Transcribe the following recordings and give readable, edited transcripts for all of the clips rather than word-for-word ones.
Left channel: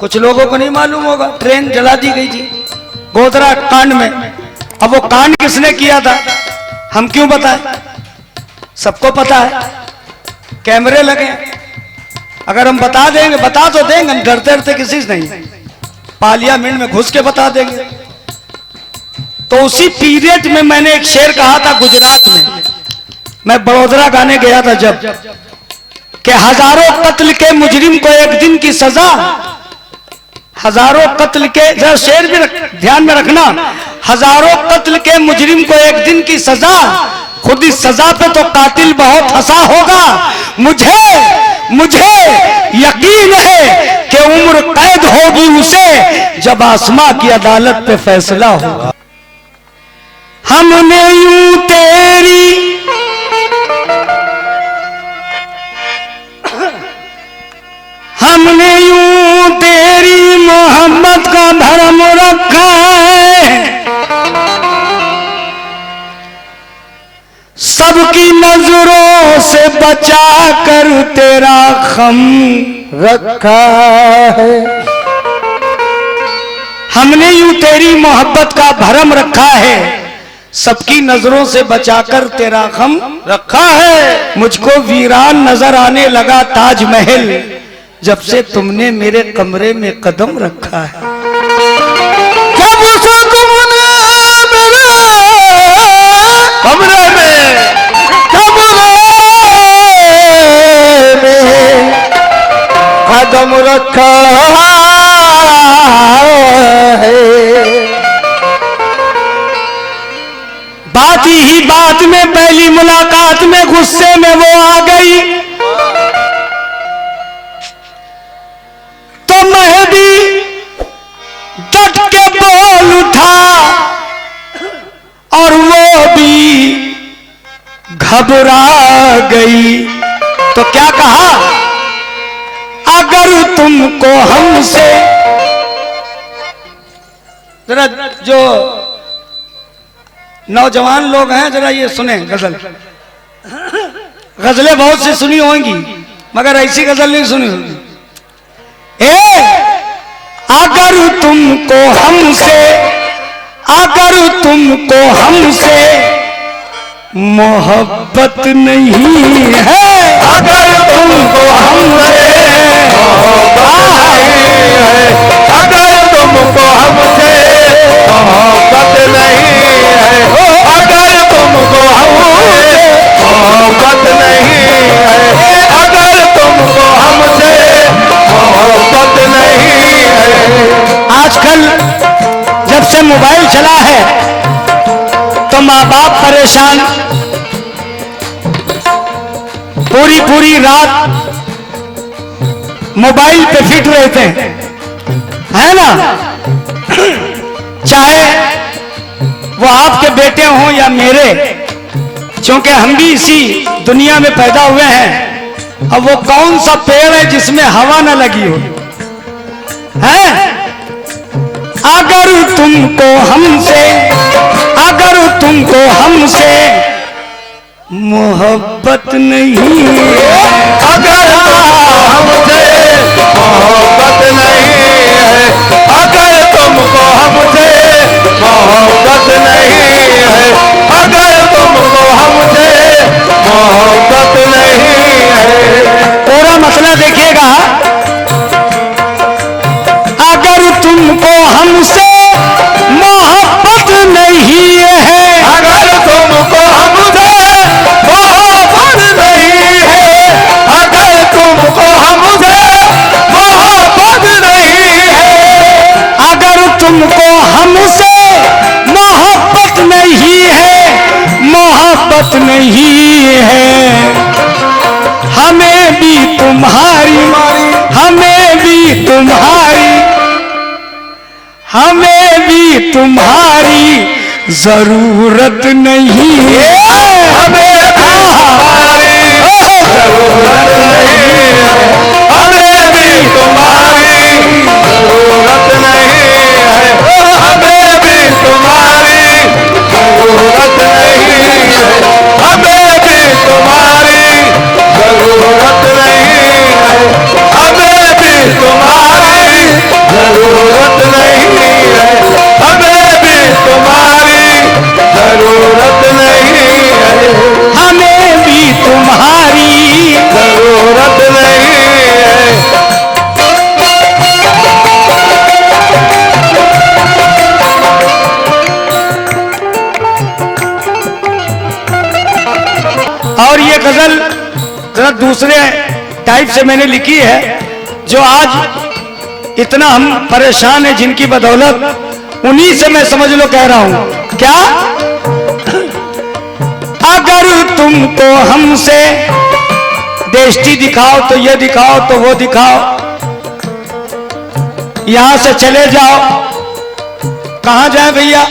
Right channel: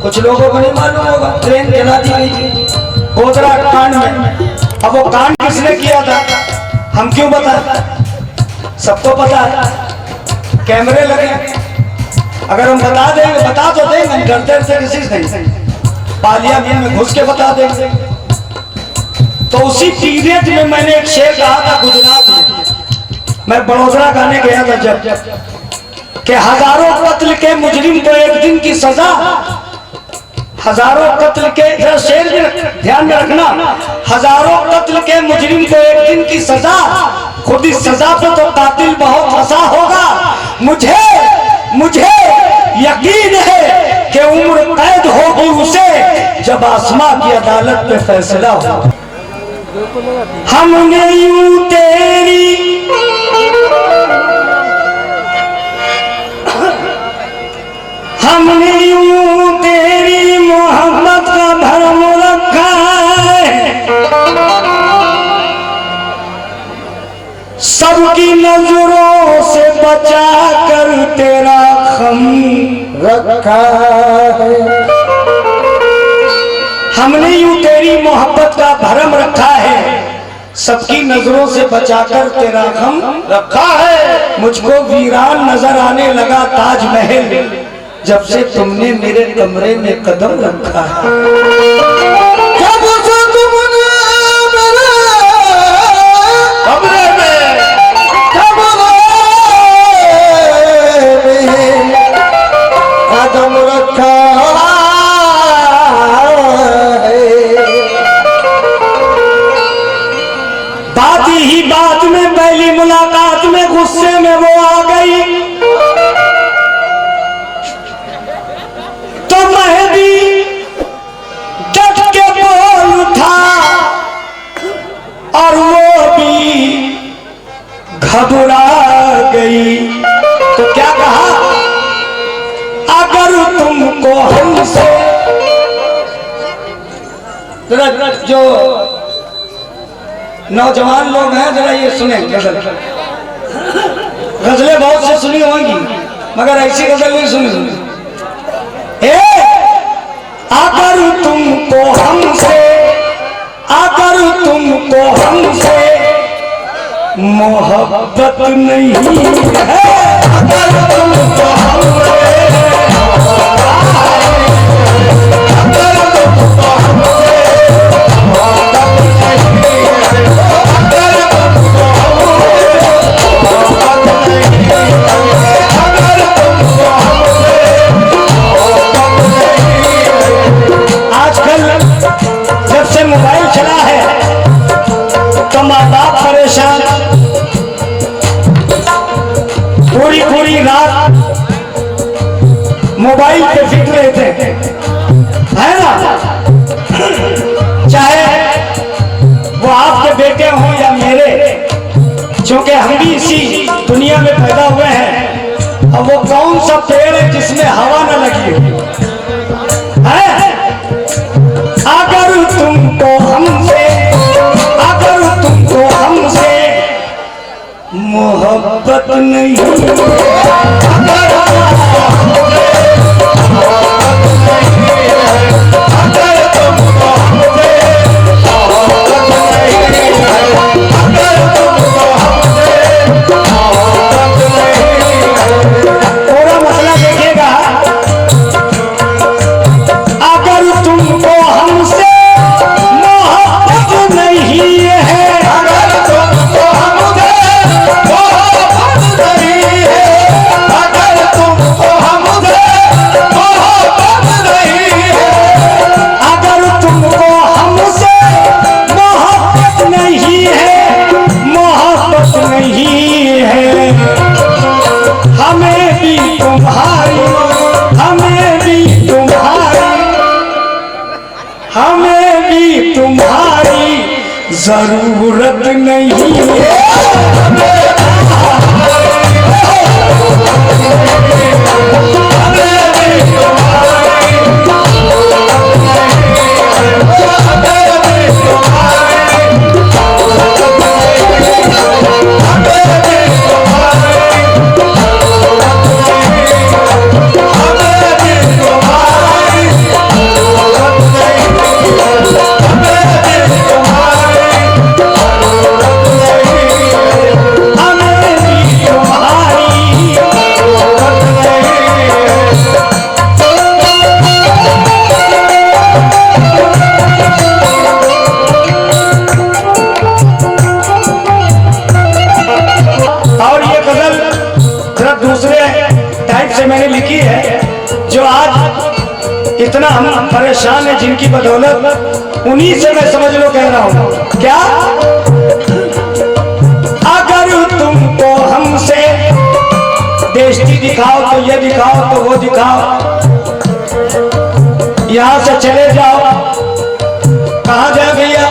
कुछ लोगों को नहीं मालूम होगा, ट्रेन जला दी गई थी गोधरा कांड में। अब वो कांड किसने किया था हम क्यों बताएं, सबको पता है, कैमरे लगे। अगर हम बता देंगे, बता तो देंगे, डरते डरते किसी से नहीं, पार्लियामेंट में घुस के बता देंगे। तो उसी पीरियड में मैंने एक शेर कहा था गुजरात में, मैं बड़ोदरा गाने गया था जब, कि हजारों कत्ल के मुजरिम को एक दिन की सजा, हजारों कत्ल के, जरा शेर भी ध्यान में रखना, हजारों कत्ल के मुजरिम को एक दिन की सजा, खुद इस सजा पे तो कातिल बहुत हंसा होगा। मुझे यकीन है कि उम्र कैद होगी उसे जब आसमां की अदालत पे फैसला होगा। हमने यूं तेरी मोहब्बत का भरम रखा है, सबकी नजरों से बचा कर तेरा खम रखा है। हमने यूं तेरी मोहब्बत का भरम रखा है, सबकी नजरों से बचाकर तेरा गम रखा है। मुझको वीरान नजर आने लगा ताजमहल, जब से तुमने मेरे कमरे में कदम रखा है। जब से तुमने मेरे कमरे में कदम रखा ही बात में, पहली मुलाकात में गुस्से में वो आ गई, तो मैं भी डट के बोल उठा और वो भी घबरा गई। तो क्या कहा, अगर तुमको हमसे, जो नौजवान लोग हैं जरा ये सुने गजल, गजलें बहुत सी सुनी होंगी मगर ऐसी गजल नहीं सुनी। अगर तुमको हमसे मोहब्बत नहीं है, अगर तुमको हमसे अगर तुमको हमसे मोहब्बत नहीं है, अगर तुमको हमसे मोहब्बत नहीं है, अगर तुमको हमसे मोहब्बत नहीं है। आजकल जब से मोबाइल चला है तो माँ बाप परेशान, पूरी रात मोबाइल पे फिट रहते हैं, है ना। चाहे वो आपके बेटे हों या मेरे, क्योंकि हम भी इसी दुनिया में पैदा हुए हैं। अब वो कौन सा पेड़ है जिसमें हवा न लगी हो, है? अगर तुमको हमसे मोहब्बत नहीं है, अगर हमसे मोहब्बत नहीं है, अगर तुमको हमसे मोहब्बत नहीं है, अगर तुमको हमसे मोहब्बत नहीं है। पूरा मसला देखिएगा, अगर तुमको हमसे मोहब्बत नहीं है, अगर तुमको हमसे मोहब्बत नहीं है, अगर तुमको हमसे मोहब्बत नहीं है, अगर तुमको हमसे मोहब्बत नहीं है, मोहब्बत नहीं है, हमें भी तुम्हारी जरूरत नहीं है, हमें तुम्हारी जरूरत नहीं है, हमें भी तुम्हारी जरूरत नहीं है, हमें भी तुम्हारी जरूरत नहीं है, हमें भी तुम्हारी जरूरत नहीं है, हमें भी तुम्हारी जितना हम परेशान हैं जिनकी बदौलत, उन्हीं से मैं समझ लो कह रहा हूं। क्या? अगर तुमको हमसे देष्टि दिखाओ तो ये दिखाओ तो वो दिखाओ, यहां से चले जाओ। कहां जाए भैया?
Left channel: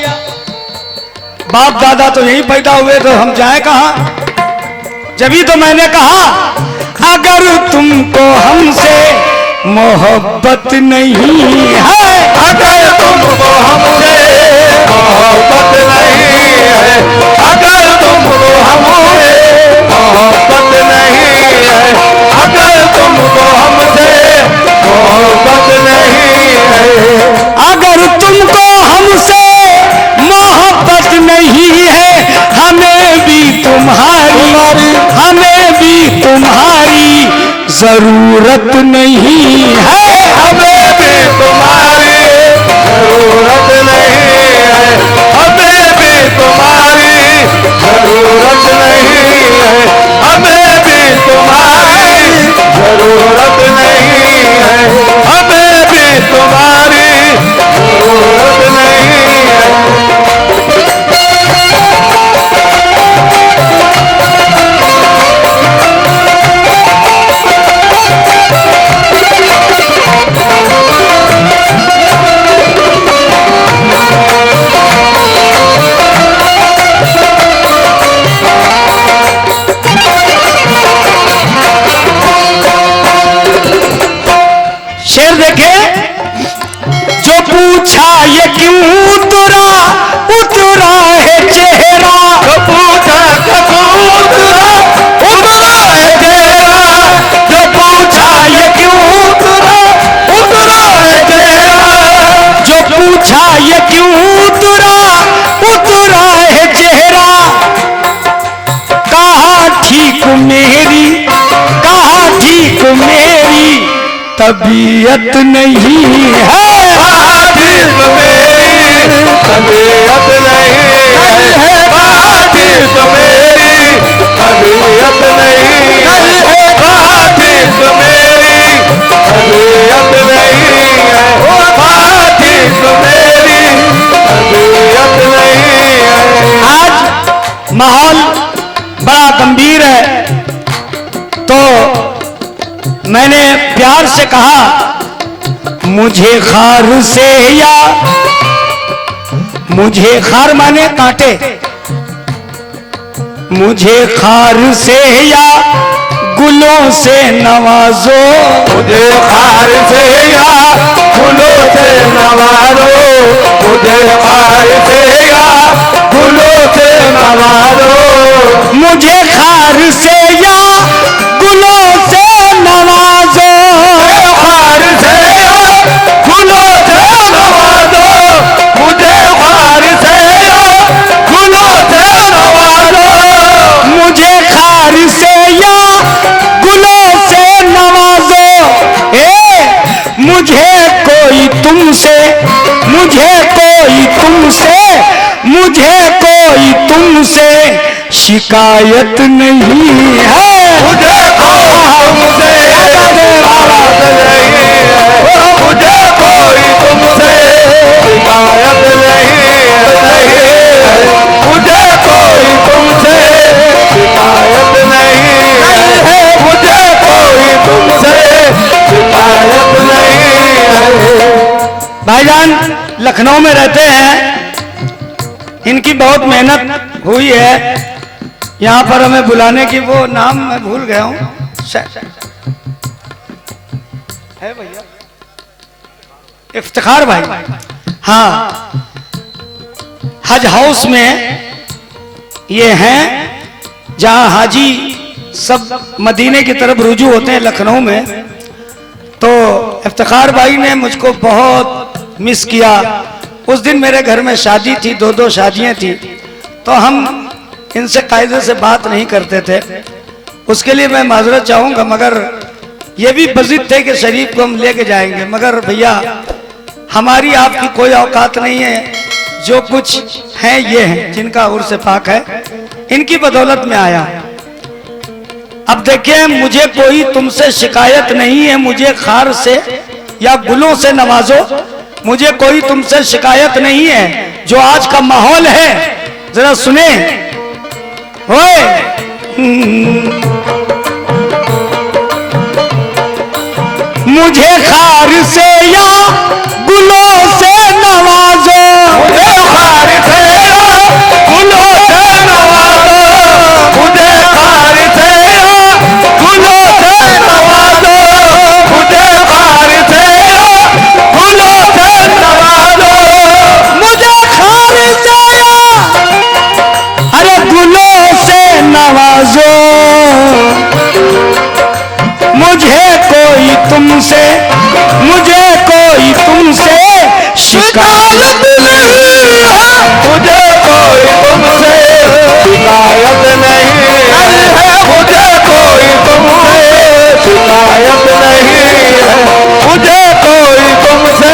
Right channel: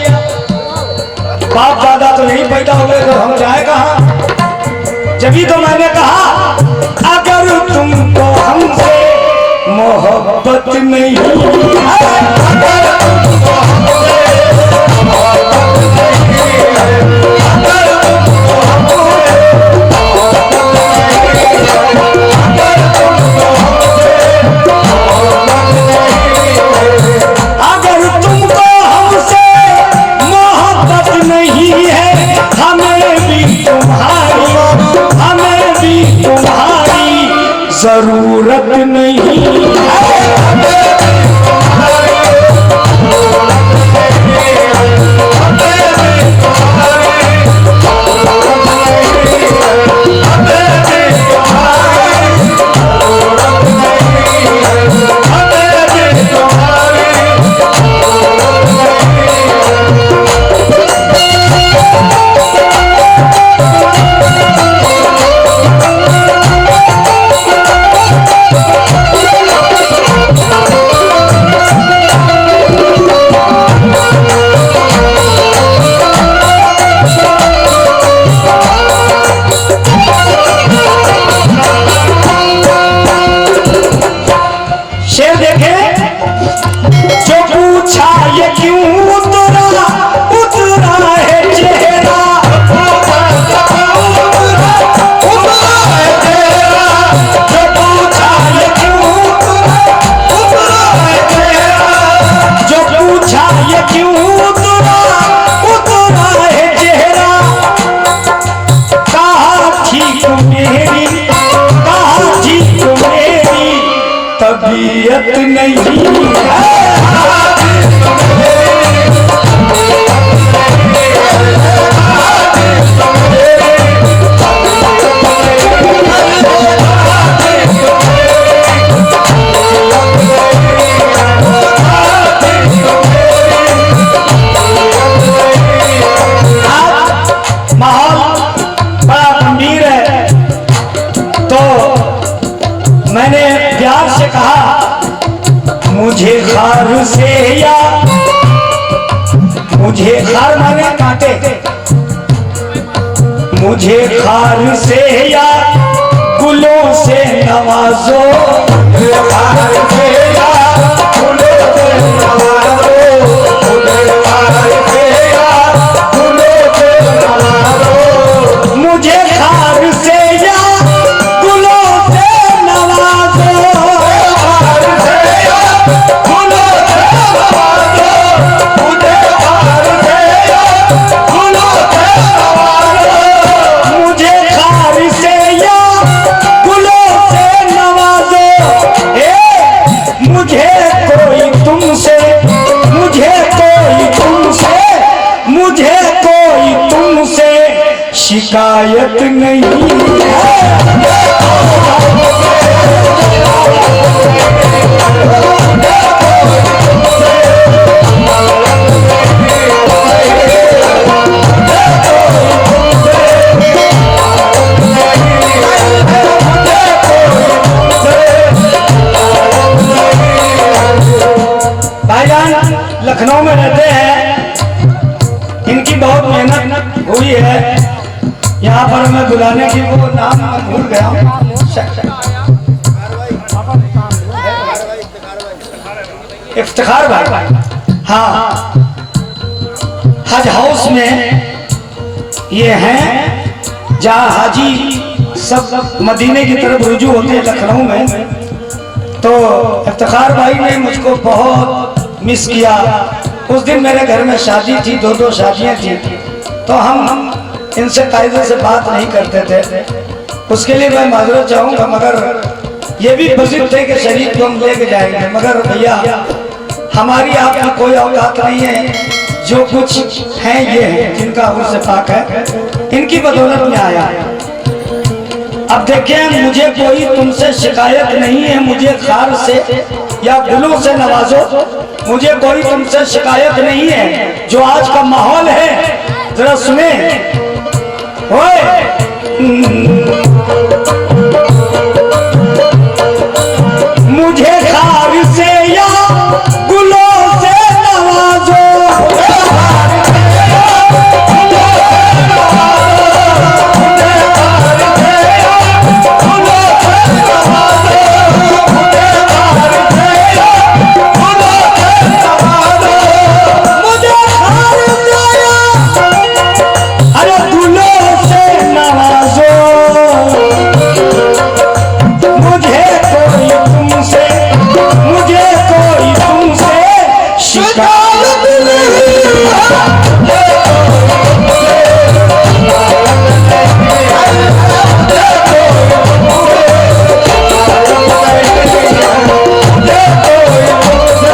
बाप दादा तो यही पैदा हुए, तो हम जाए कहां? जभी तो मैंने कहा अगर तुमको हमसे मोहब्बत नहीं है, अगर तुमको हमसे मोहब्बत नहीं है, अगर तुमको हमसे मोहब्बत नहीं है, अगर तुमको हमसे मोहब्बत नहीं है, अगर तुमको हमसे मोहब्बत नहीं है, हमें भी तुम्हारी जरूरत नहीं है, हमें भी तुम्हारी जरूरत नहीं है, हमें भी तुम्हारी जरूरत नहीं है, हमें भी तुम्हारी जरूरत नहीं है, हमें भी तुम्हारी जरूरत नहीं है। शेर देखे, जो पूछा ये क्यों उतरा उतरा है चेहरा, जो पूछा उतरा है तेरा, जो पूछा ये क्यों उतरा है तेरा, जो पूछा ये क्यों उतरा है चेहरा, कहा ठीक मेरी तबीयत नहीं है, आदिल मेरी तबीयत नहीं है, आदिल मेरी तबीयत नहीं है, आदिल मेरी तबीयत नहीं है, आदिल मेरी तबीयत नहीं है। आज माहौल बड़ा गंभीर है, तो मैंने प्यार से कहा मुझे खार से या, मुझे खार माने कांटे, मुझे खार से या गुलों से नवाजो, मुझे खार से या फूलों से नवाजो, मुझे खार से या फूलों से नवाजो, मुझे खार से या गुलों से नवाजो, खार से या फूलों से नवाजो, मुझे खार से या फूलों से नवाजो, मुझे खार से या गुलों से नवाजो। मुझे कोई तुमसे शिकायत नहीं है, मुझे तुमसे शिकायत नहीं है, मुझे कोई तुमसे शिकायत नहीं है, मुझे कोई तुमसे शिकायत नहीं है, मुझे कोई तुमसे शिकायत नहीं है। भाईजान लखनऊ में रहते हैं, इनकी बहुत मेहनत हुई है यहाँ पर हमें बुलाने की, वो नाम मैं भूल गया हूँ, इफ्तिखार भाई। हाँ, हज हाउस में ये हैं जहाँ हाजी सब मदीने की तरफ रुजू होते हैं लखनऊ में। तो इफ्तिखार भाई ने मुझको बहुत मिस किया। उस दिन मेरे घर में शादी थी, दो शादियां थी, तो हम इनसे कायदे से बात नहीं करते थे। उसके लिए मैं माजरत चाहूंगा, मगर ये भी बजिद थे कि शरीफ को हम लेके जाएंगे, मगर भैया हमारी आपकी कोई औकात नहीं है। जो कुछ है ये है जिनका उर्स पाक है, इनकी बदौलत में आया। अब देखिए, मुझे कोई तुमसे शिकायत नहीं है, मुझे खार से या गुलों से नवाजो। मुझे कोई तुमसे शिकायत नहीं है। जो आज का माहौल है जरा सुने। ओए मुझे खार से या गुलों से नवाजो, मुझे खार से या गुलों से नवाजो, मुझे खार से या गुलों से नवाजो, मुझे खार से या गुलों से नवाजो, मुझे खार से या अरे गुलों से नवाजो। मुझे कोई तुमसे शिकायत नहीं है, मुझे कोई तुमसे शिकायत नहीं है, मुझे कोई तुमसे शिकायत नहीं है, मुझे कोई तुमसे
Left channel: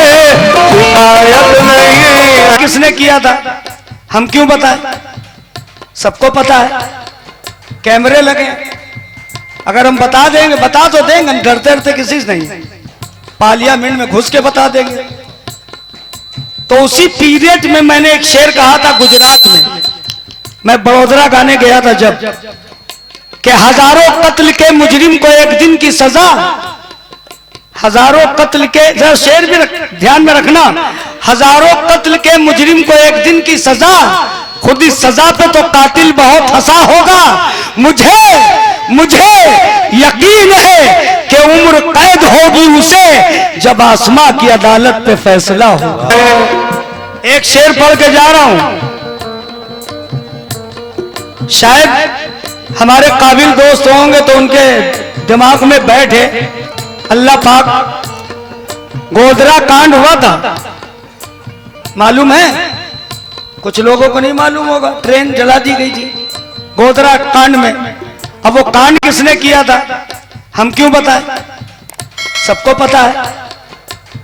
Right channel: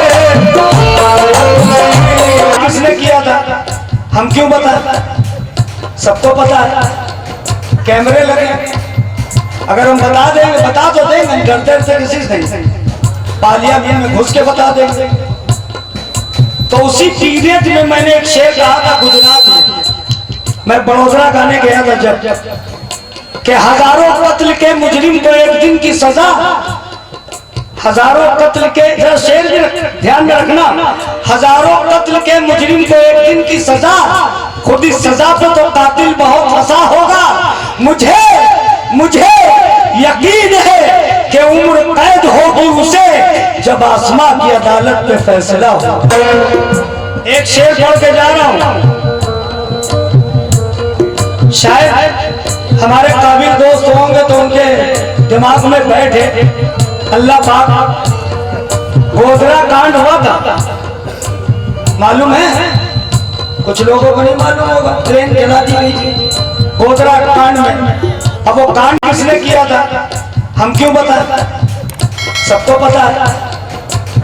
शिकायत नहीं है। किसने किया था हम क्यों बताएं? सबको पता है, कैमरे लगे। अगर हम बता देंगे, बता तो देंगे, डरते डरते किसी से नहीं, पार्लियामेंट में घुस के बता देंगे। तो उसी पीरियड में मैंने एक शेर कहा था गुजरात में, मैं बड़ोदरा गाने गया था जब, कि हजारों कत्ल के मुजरिम को एक दिन की सजा, हजारों कत्ल के, जरा शेर भी ध्यान में रखना, हजारों कत्ल के मुजरिम को एक दिन की सजा, खुद इस सजा पे तो कातिल बहुत हंसा होगा। मुझे यकीन है कि उम्र कैद होगी उसे जब आसमां की अदालत पे फैसला होगा। एक शेर पढ़ के जा रहा हूं, शायद हमारे काबिल दोस्त होंगे तो उनके दिमाग में बैठे। अल्लाह पाक, गोधरा कांड हुआ था, मालूम है? कुछ लोगों को नहीं मालूम होगा। ट्रेन जला दी गई थी गोधरा कांड में। अब वो कांड किसने किया था हम क्यों बताएं? सबको पता है,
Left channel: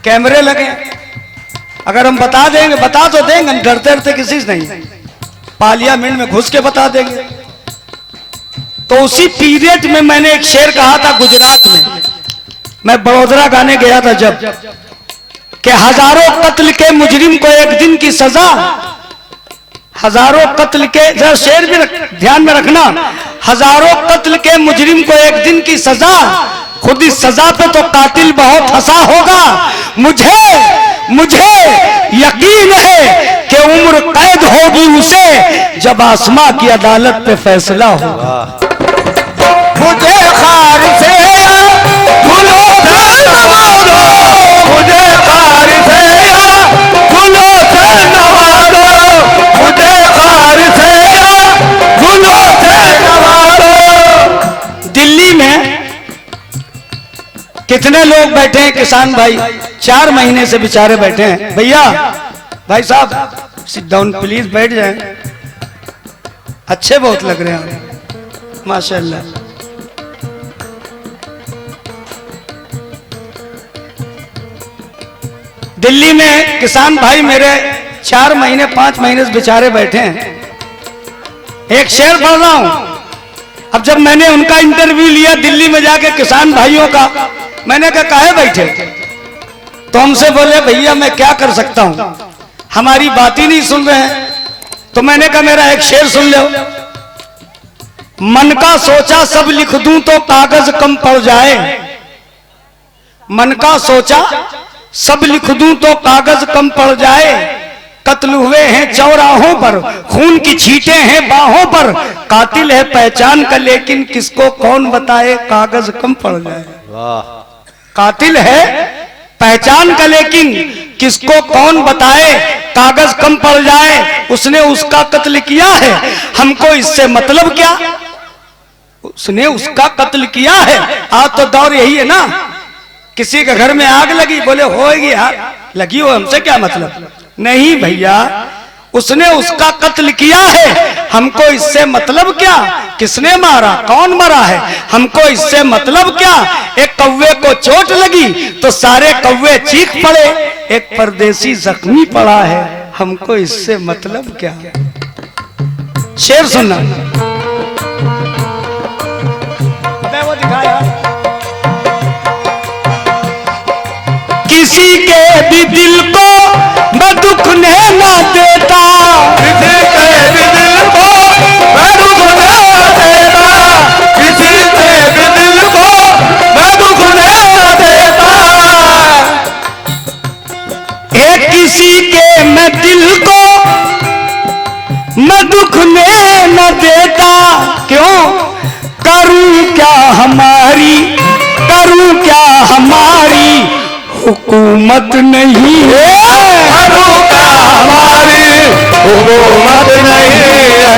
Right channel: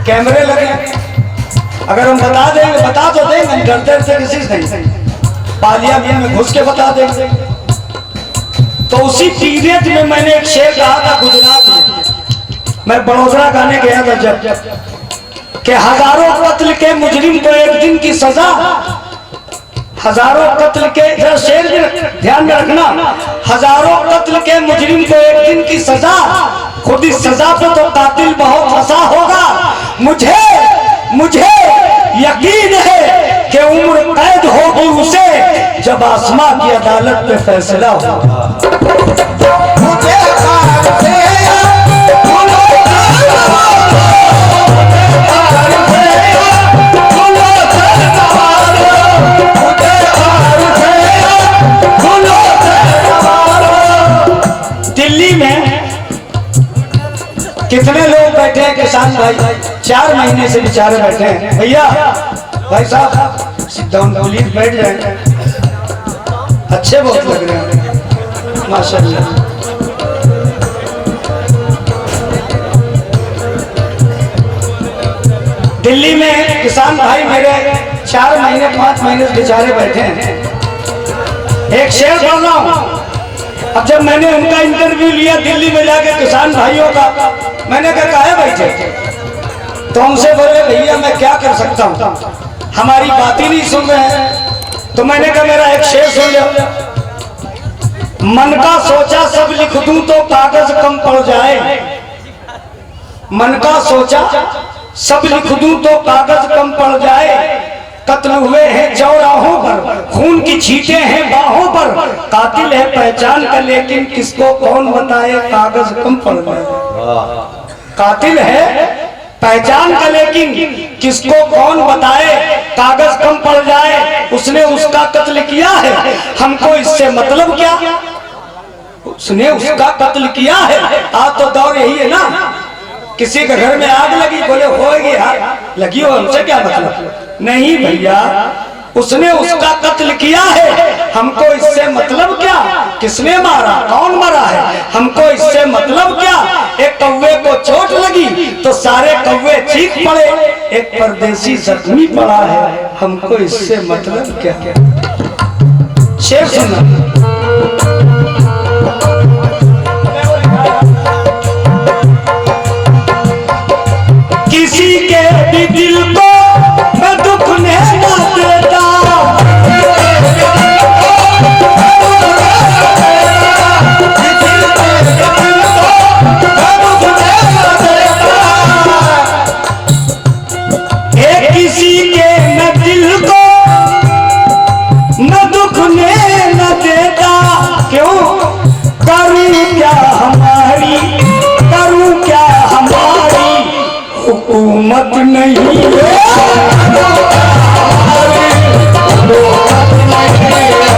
कैमरे लगे। अगर हम बता देंगे, बता तो देंगे, डरते डरते किसी से नहीं, पार्लियामेंट में घुस के बता देंगे। तो उसी पीरियड में मैंने एक शेर कहा था गुजरात में, मैं बड़ोदरा गाने गया था जब, कि हजारों कत्ल के मुजरिम को एक दिन की सजा, हजारों कत्ल के, जरा शेर भी ध्यान में रखना, हजारों कत्ल के मुजरिम को एक दिन की सजा, खुद इस सजा पे तो कातिल बहुत हंसा होगा। मुझे यकीन है कि उम्र कैद होगी उसे जब आसमां की अदालत पे फैसला होगा। मुझे खार से गुलों से नवाजो, मुझे खार से गुलों से नवाजो, मुझे खार से गुलों से नवाजो। दिल्ली में कितने लोग बैठे हैं किसान भाई, 4 महीने से बेचारे बैठे हैं। भैया, भाई साहब सिट डाउन प्लीज, बैठ जाए। अच्छे बहुत लग रहे हैं माशाल्लाह। दिल्ली में किसान भाई मेरे 4 महीने 5 महीने से बेचारे बैठे हैं। एक शेर पढ़ रहा हूं। अब जब मैंने उनका इंटरव्यू लिया दिल्ली में जाके किसान भाइयों का, मैंने कहा काहे बैठे? तो हमसे बोले भैया मैं क्या कर सकता हूं, हमारी बात ही नहीं सुन रहे हैं। तो मैंने कहा मेरा एक शेर सुन लो। मन का सोचा सब लिख दूं तो कागज कम पड़ जाए, मन का सोचा सब लिख दूं तो कागज कम पड़ जाए। कत्ल हुए हैं चौराहों पर, खून की छींटे हैं बाहों पर, कातिल है पहचान का लेकिन किसको कौन बताए कागज कम पड़ जाए। कातिल है पहचान का लेकिन किसको कौन बताए कागज कम पड़ जाए। उसने उसका कत्ल किया है, हमको इससे मतलब क्या? उसने उसका कत्ल किया है। आज तो दौर यही है ना, किसी के घर में आग लगी, बोले होएगी यार, लगी हो, हमसे क्या मतलब? नहीं भैया, उसने उसका कत्ल किया है, हमको इससे मतलब क्या? किसने मारा, कौन मरा है, हमको इससे मतलब क्या? एक कौवे को चोट लगी तो सारे कौवे चीख पड़े, एक परदेसी जख्मी पड़ा है, हमको इससे मतलब क्या? शेर सुनना। किसी के भी दिल को मैं दुख ने ना देता, किसी के भी दिल को मैं दुख ने न देता, किसी के भी दिल को मैं दुख ने न देता। एक किसी के मैं दिल को मैं दुख ने न देता, क्यों करूं क्या हमारी, करूं क्या हमारी हुकूमत नहीं है, करूं क्या हमारी हुकूमत नहीं है,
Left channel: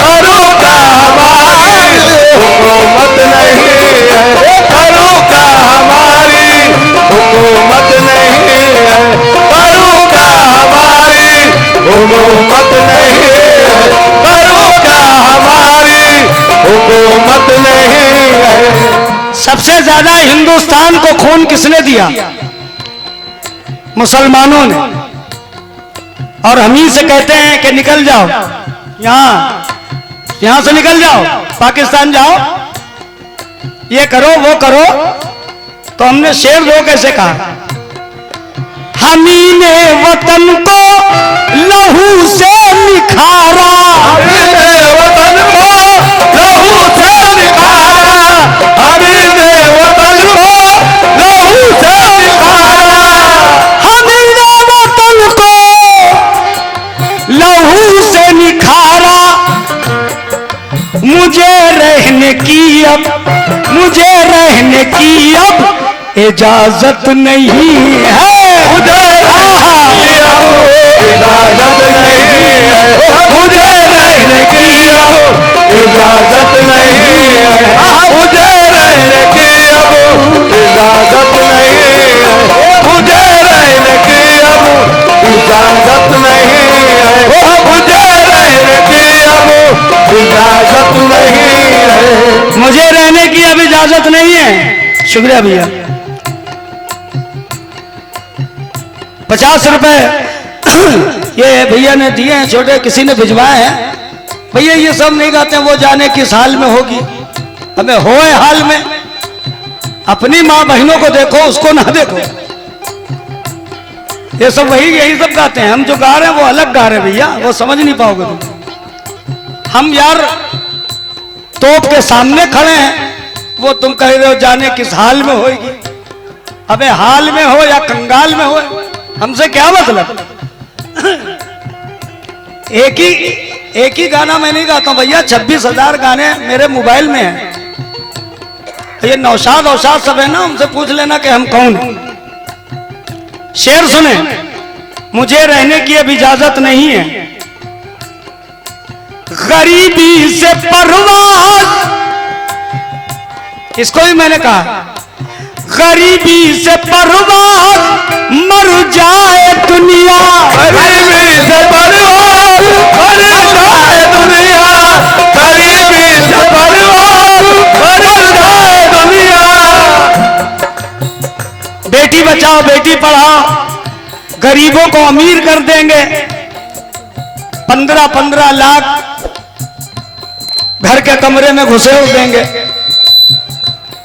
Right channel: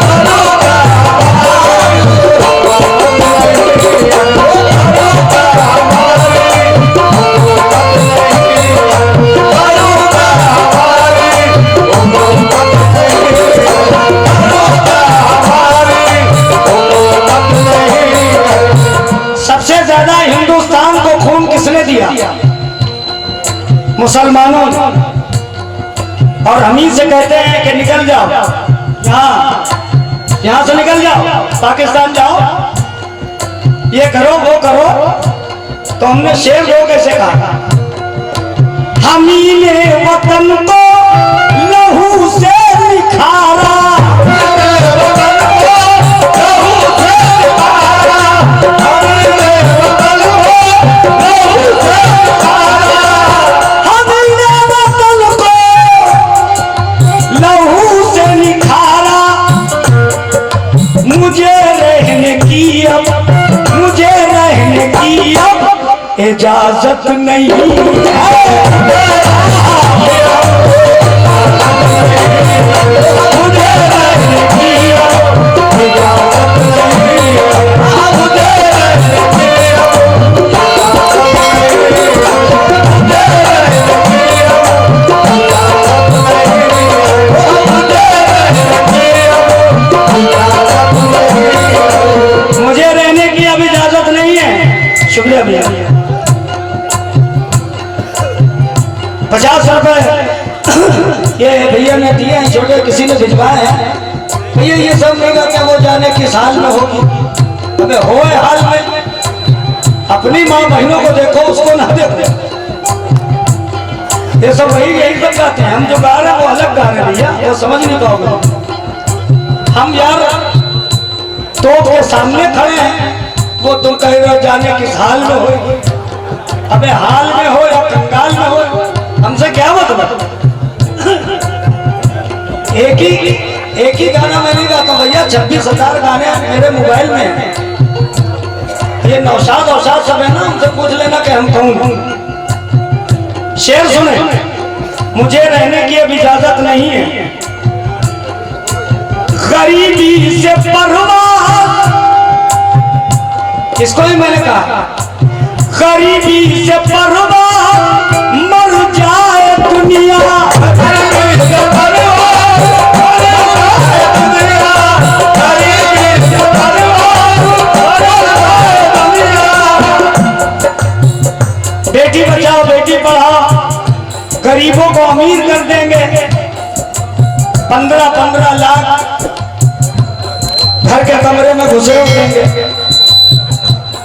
करूं क्या हमारी हुकूमत नहीं है, करूं क्या हमारी हुकूमत नहीं है, करूं क्या हमारी हुकूमत नहीं है, करूं क्या हमारी हुकूमत नहीं है। सबसे ज्यादा हिंदुस्तान को खून किसने दिया? मुसलमानों ने। और हम ही से कहते हैं कि निकल जाओ यहां से निकल जाओ, पाकिस्तान जाओ, ये करो वो करो, तो हमने शेर दो कैसे कहा? हम ही ने वतन को लहू से निखारा, मेरे वतन को लहू से निखारा, मेरे वतन को लहू से निखारा, हमने वतन को लहू से निखारा, मुझे रहने की अब इजाजत नहीं है, मुझे इजाजत नहीं है, मुझे रहने की अब इजाजत नहीं है, मुझे रहने की अब इजाजत नहीं है, मुझे रहने की अब इजाजत नहीं है, मुझे रहने की अब इजाजत नहीं है। मुझे रहने की अब इजाजत नहीं है। शुक्रिया भैया। 50 रुपए ये भैया ने दिए हैं, छोटे किसी ने भिजवाए हैं। भैया ये सब नहीं गाते, वो जाने किस हाल में होगी, हमें होए हाल में। अपनी माँ बहनों को देखो, उसको ना देखो। ये सब यही सब गाते हैं। हम जो गा रहे हैं वो अलग गा रहे हैं भैया, वो समझ नहीं पाओगे। हम यार तोप के सामने खड़े हैं, वो तुम कह रहे हो जाने किस हाल में होगी। अबे हाल में हो या कंगाल में हो, हमसे क्या मतलब? एक ही गाना मैं नहीं गाता भैया, 26,000 गाने मेरे मोबाइल में हैं। ये नौशाद सब है ना, हमसे पूछ लेना कि हम कौन हैं। शेर सुने, मुझे रहने की अब इजाजत नहीं है, गरीबी से परवाह, इसको ही मैंने कहा, गरीबी से परवाह मर जाए दुनिया, गरीबी से परवाह मर जाए दुनिया, गरीबी से परवाह मर जाए दुनिया। बेटी बचाओ बेटी पढ़ाओ, गरीबों को अमीर कर देंगे। 15-15 लाख घर के कमरे में घुसे हो देंगे।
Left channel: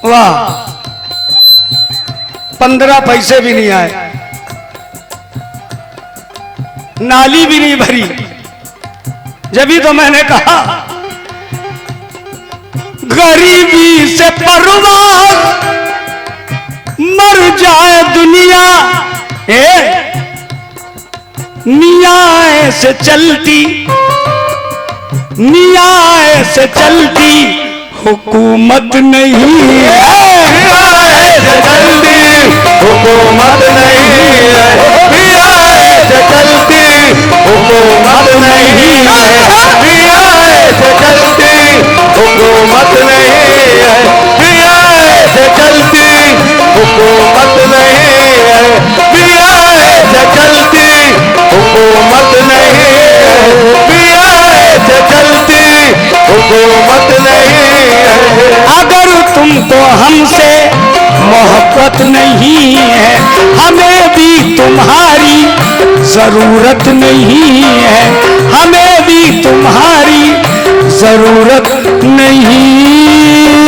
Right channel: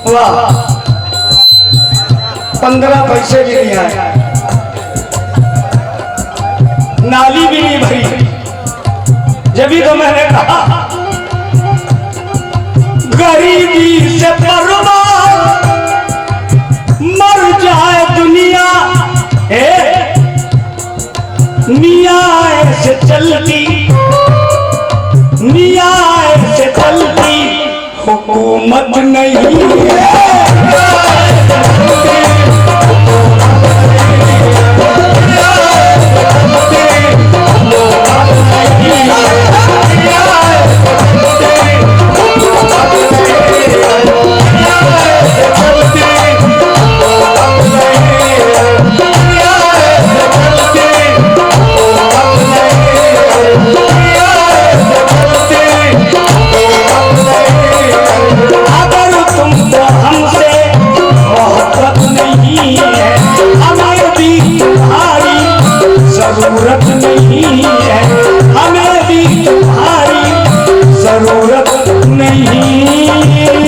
वाह, 15 पैसे भी नहीं आए, नाली भी नहीं भरी। जब ही तो मैंने कहा गरीबी से परवाह मर जाए दुनिया, नियाए से चलती, नियाए से चलती हुकूमत नहीं है, जल्दी हुकूमत नहीं है, चलती हुकूमत नहीं है, चलती हुकूमत नहीं है, चलती हुकूमत नहीं है, चलती हुकूमत नहीं है, चलती हुकूमत नहीं है। अगर तुमको हमसे मोहब्बत नहीं है, हमें भी तुम्हारी जरूरत नहीं है, हमें भी तुम्हारी जरूरत नहीं